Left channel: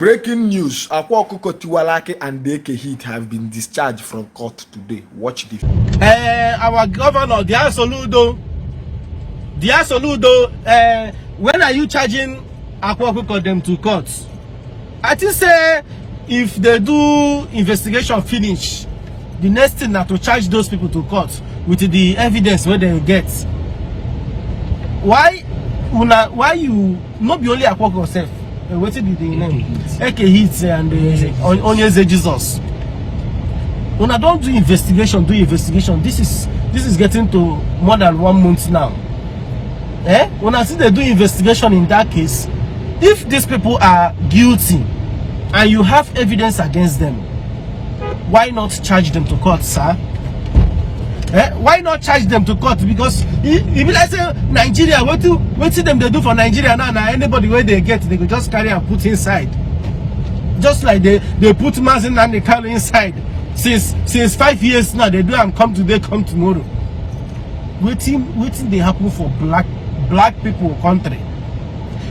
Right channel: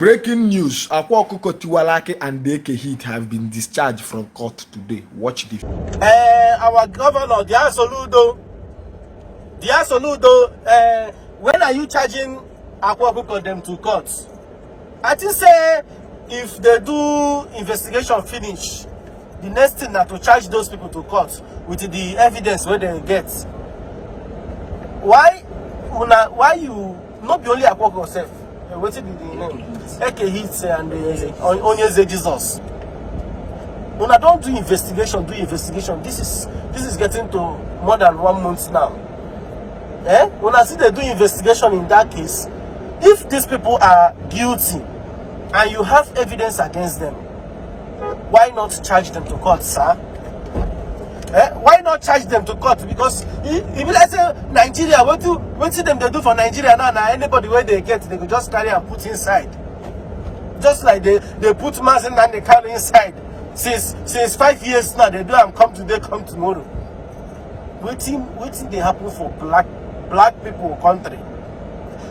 Breaking news: Akwa, Okuko, Tiwara and the AK Heat have been discharged from court today. Watch this. Our governor, dear Soludo, when are you charging Akwa, Okuko them to court? I think say if they do investigation finish, the next thing na to charge those people to court with the evidence where they get. Why you not be only Akwa Okuko self? What did the name? AK Hits and Onyeze Jesus. When I don't do investigation, This is getting to more than 1 month now. When I see they do investigation in that case, if these people are guilty and you have evidence against them, why not charge them to court, sir? Why not charge them to court? Because if let's say Nigeria, what see them they do for Nigeria now, anybody where they get, they could just carry and put inside. Just like they put Mazin and they carry inside. Since 5 years now, they do and come today, come tomorrow. Waiting they happen for black people country.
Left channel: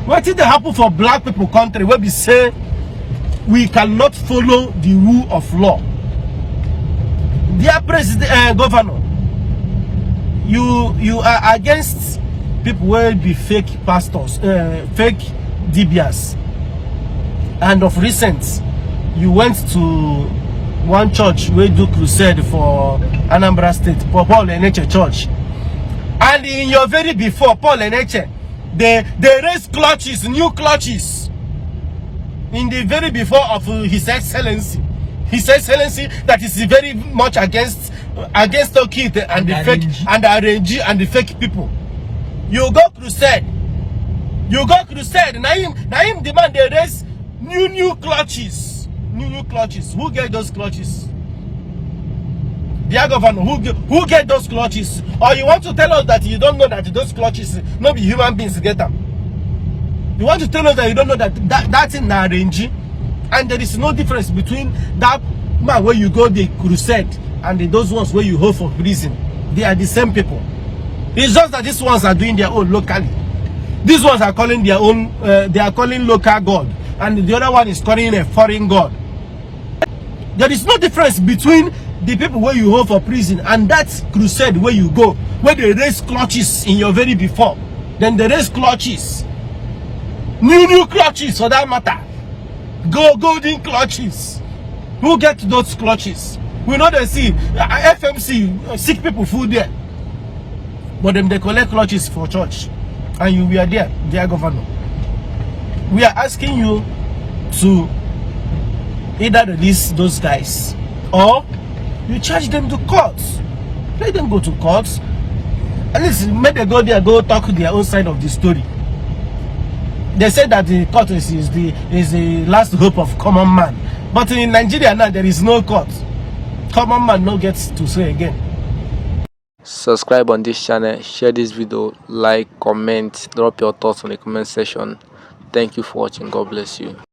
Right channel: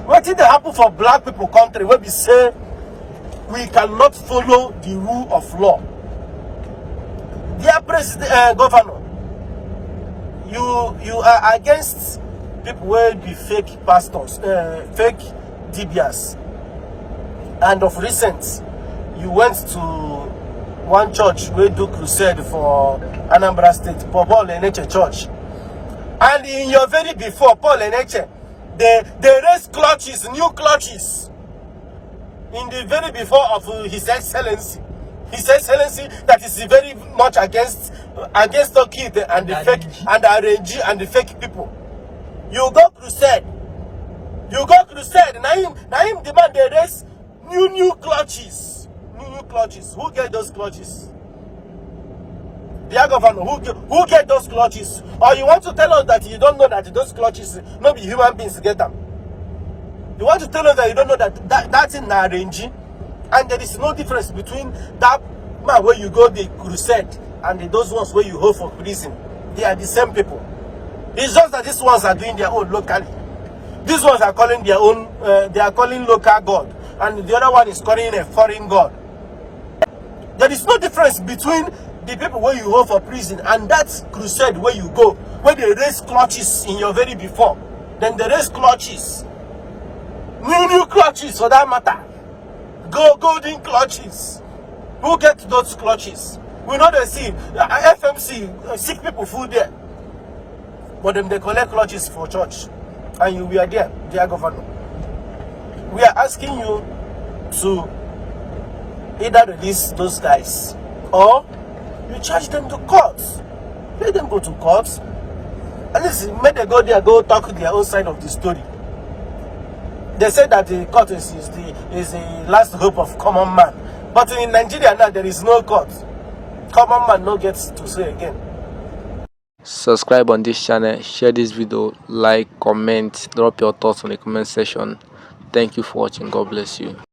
Waiting they happen for black people country where we say we cannot follow the rule of law. Dear President, Governor, you are against people who be fake pastors, fake DBS. And of recent, you went to one church where do crusade for Anambra State, Paul Eneche Church. And in your very before, Paul Eneche, they raised clutches, new clutches. In the very before of His Excellency. His Excellency that is very much against Okite and the fake and the RNG and the fake people. You go crusade. Now him demand they raise new clutches. New clutches. Who get those clutches? Dear Governor, who get those clutches? Or you want to tell us that you don't know that those clutches not be human beings get them? You want to tell us that you don't know that's in RNG? And there is no difference between that man where you go the crusade and those ones where you hold for prison. They are the same people. It's just that these ones are doing their own locally. These ones are calling their own, they are calling local God. And the other one is calling a foreign God. There is no difference between the people where you hold for prison and that crusade where you go, where they raise clutches in your very before. Then they raise clutches. New clutches for that matter. Golden clutches. Who get those clutches? We know they see FMC sick people food there, but them they collect clutches for church, and we are there, dear Governor. We are asking you to either release those guys or you charge them to court. Let them go to court. At least make them go there, go talk their own side of the story. They said that the court is the last hope of common man. But in Nigeria now, there is no court. Common man no gets to say again. Subscribe on this channel, share this video, like, comment, drop your thoughts on the comment section. Thank you for watching. God bless you.